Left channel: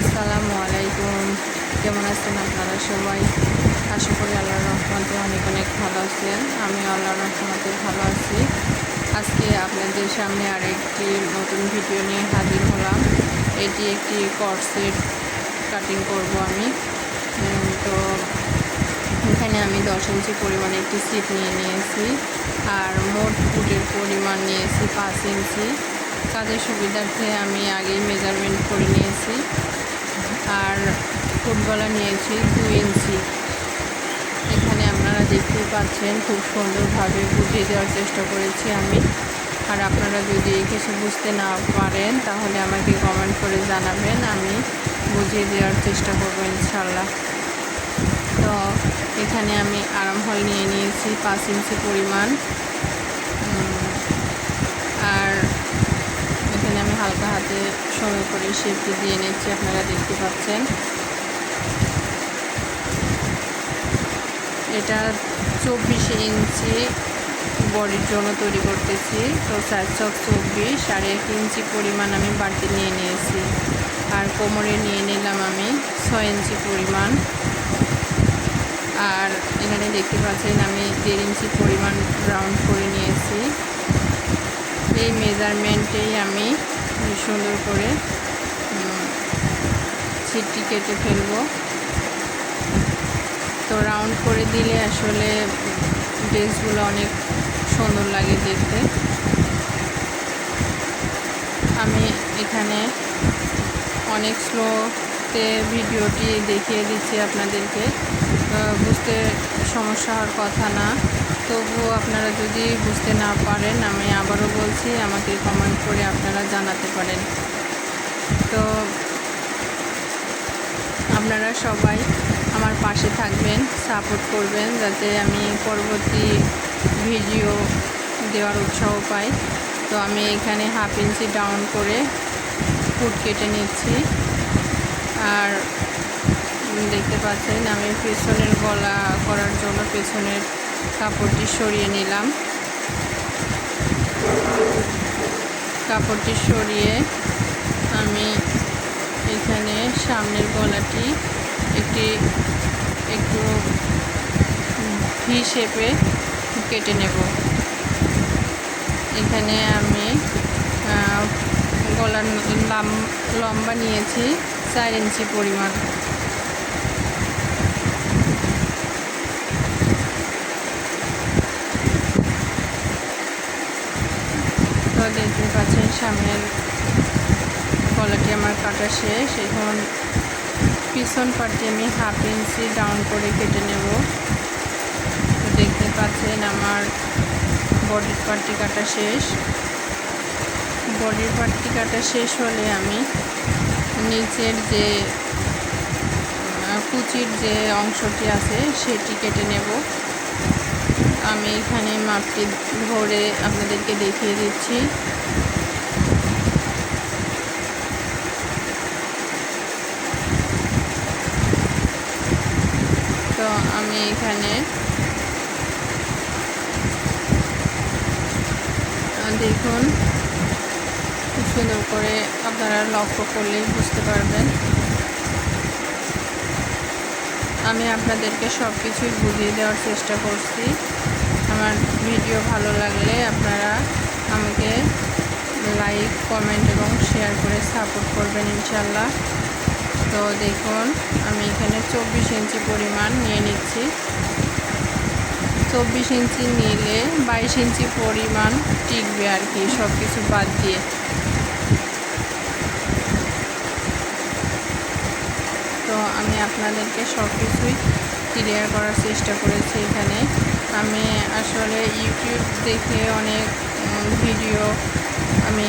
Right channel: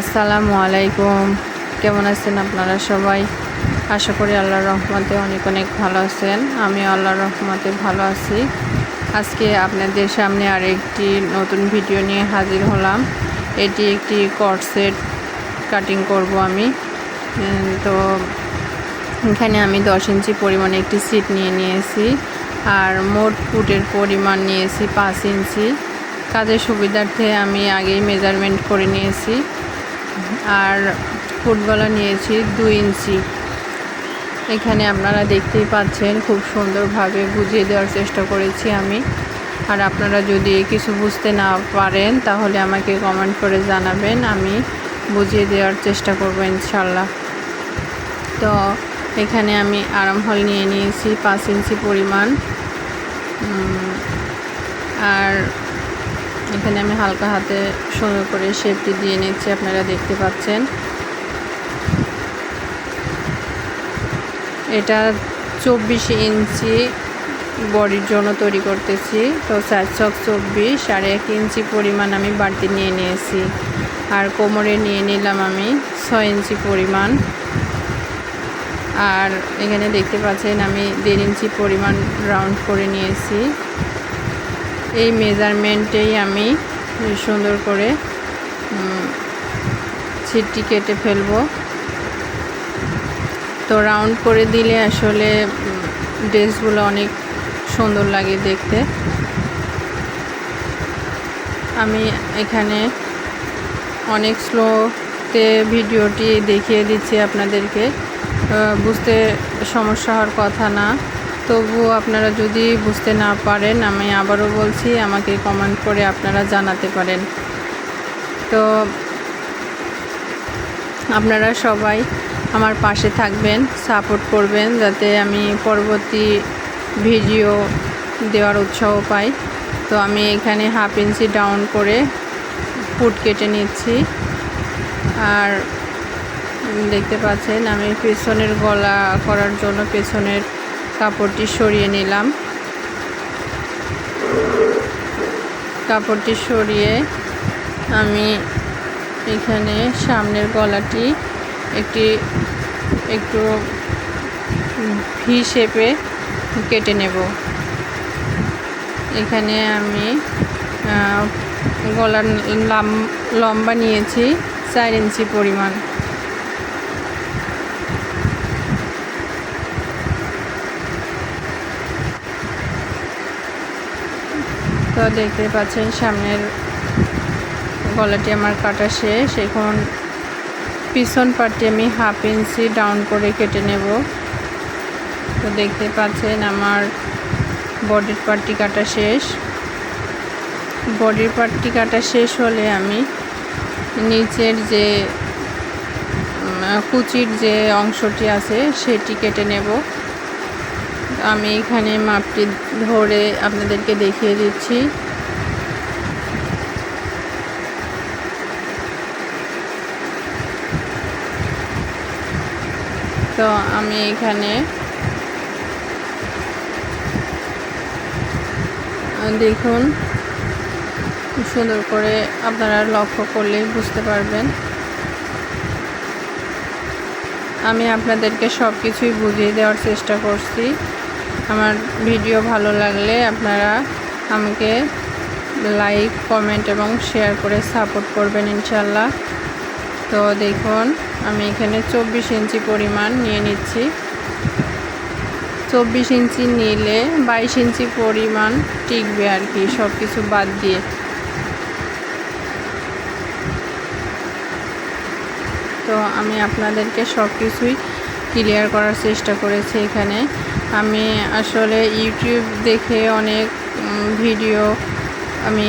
আসসালামু আলাইকুম। কেমন আছেন আপনারা সবাই? আশা করি আল্লাহর রহমতে অনেক অনেক ভালো আছেন। আমি আল্লাহর রহমতে ভালো আছি। আজকে আপনাদের সামনে আরেকটি নতুন ভিডিও নিয়ে হাজির হলাম। এটি একটি কট সেট কাটিং করব আমি। তো এখানে আমি 10 ইঞ্চি পরিমাণে একটি সিট নিয়ে নিয়েছি, আর মোট ফুটের পরিমাণ নিয়েছি 5 ইঞ্চি। কাজের সুবিধার্থে আমি আগেই মেজারমেন্ট করে নিয়েছি। আর ফুটগলা নিয়েছি 2 ইঞ্চি। এখানে আপনারা দেখতেই পাচ্ছেন, খুব সুন্দরভাবে বুঝিয়ে দেওয়ার চেষ্টা করেছি আমি। আর আপনারা যদি কিছু বুঝতে না পারেন তাহলে আমাকে কমেন্ট করে জানাবেন, আমি বুঝিয়ে দেওয়ার চেষ্টা করব ইনশাল্লাহ। তো এখানে আমি আরাম হল নিয়ে নিয়েছি 5 ইঞ্চি পরিমাণ। আর এখানে আমি হালকা হাতে সুন্দর করে শেপটি দিয়ে নিচ্ছি, আপনারা দেখতে পাচ্ছেন। এটা 24 ইঞ্চি বডির জন্য তৈরি করতেছি। তো 4 ছক 24 আর 1 ইঞ্চি পরিমাণ আমি বাড়তি নিয়ে নিয়েছি। আর কোমরে নিয়ে নিলাম আমি 6 ইঞ্চি পরিমাণ। আর এখানে দেখতে পাচ্ছেন আমি 1.5 ইঞ্চি পরিমাণ রাউন্ড করে নিয়েছি। এই মেজারমেন্টেই আমি সুন্দর করে ছিটটি কেটে ফেলবো। তো রাউন্ড করে দিলে আসলে ড্রেসগুলো অনেক সুন্দর লাগে দেখতে। আমি এখানে অনেক স্লোতে ভিডিওটি দেখিয়ে দিচ্ছি আপনাদেরকে, বুঝতে সমস্যা হওয়ার কথা না। তবুও আপনারা যদি বুঝতে না পারেন, আমি আবারও বলছি, আমাকে কমেন্ট করে আপনারা জানাতে পারেন। তো আপনারা সবাই আমার পাশে থাকবেন, সাপোর্ট করবেন, যাতে আমি পরবর্তী ভিডিও দেওয়ার উৎসাহ পাই। তো আমি এখানে 1/2 ইঞ্চি ডাউন করে ফুট কেটে নিচ্ছি। আর দেখতে পাচ্ছেন আমি পেছনের গলা করার জন্য পেছনের কাপড়টি সরিয়ে নিলাম। কাপড়টি সরিয়ে আমি এখানে সামনের গলাটি একটু ভি শেপে কেটে নেব। এখানে আমি গলার লম্বা নিয়েছি 4 ইঞ্চি পরিমাণ। তো দেখতে পাচ্ছেন সামনের গলাটি আমার কাটা শেষ। এখন পিছন পাটটি আমি 1/2 ইঞ্চি ডাউন করে কেটে নেব। তো দেখতে পাচ্ছেন আমার বডির পাটটি কাটা শেষ। বডির পাটটি কাটা শেষ হলে আমি নিচের যে কুচির যে অংশটি আছে সেটি কেটে নেব। আমি এখানে মাপটি ধরে আপনাদেরকে দেখিয়ে দিচ্ছি। তো আমি এখানে দেখুন, সুন্দর করে আপনারা লক্ষ্য করলে বুঝতে পারবেন। আমি আপনাদেরকে সব কিছুই বুঝিয়ে দেওয়ার চেষ্টা করছি। আমার ভিডিও ভালো লাগলে আপনারা আমাকে লাইক, কমেন্ট এবং শেয়ার করে সাপোর্ট করবেন ইনশাল্লাহ। তো দেখুন আমি এখানে 24 ইঞ্চি পরিমাণ নিয়ে নিচ্ছি। 24 ইঞ্চি নিলে 22 ইঞ্চি পরিমাণ টিকবে আর কি, সব কিছু বাদ দিয়ে। তো আমি আপনাদেরকে সব কিছুই ক্লিয়ার করার চেষ্টা করেছি। এখানে আমি আসলে ইউটিউব দেখে অনেক ভিডিও আমি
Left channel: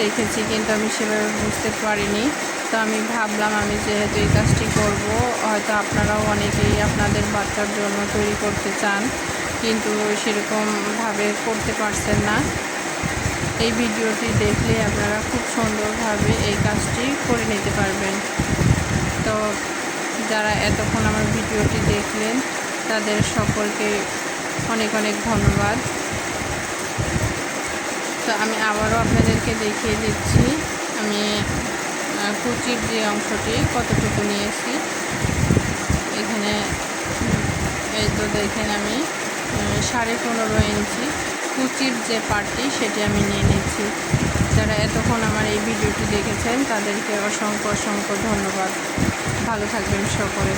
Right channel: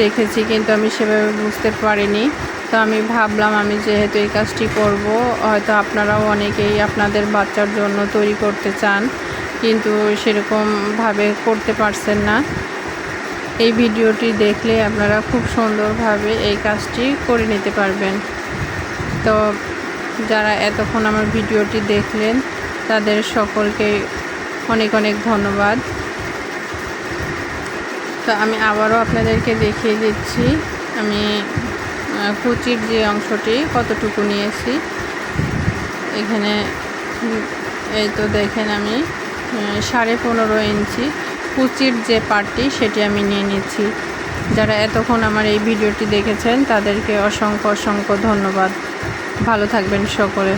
দেখেছি, কিন্তু আমি সেভাবে বুঝতে পারিনি। তো আমি ভাবলাম, আমি যেহেতু এই কাজটি করব, হয়তো আপনারাও অনেকেই আপনাদের বাচ্চার জন্য তৈরি করতে চান, কিন্তু সেরকমভাবে করতে পারছেন না। এই ভিডিওটি দেখলে আপনারা খুব সুন্দরভাবে এই কাজটি করে নিতে পারবেন। তো যারা এতক্ষণ আমার ভিডিওটি দেখলেন তাদের সকলকে অনেক অনেক ধন্যবাদ। তো আমি আবারও আপনাদেরকে দেখিয়ে দিচ্ছি, আমি কুচির যে অংশটি কতটুকু নিয়েছি। এখানে এই তো দেখেন আমি 15.5 ইঞ্চি কুচির যে পার্টটি সেটি আমি নিয়ে নিচ্ছি। যারা এতক্ষণ আমার এই ভিডিওটি দেখেছেন তাদেরকে অসংখ্য অসংখ্য ধন্যবাদ। ভালো থাকবেন সকলে।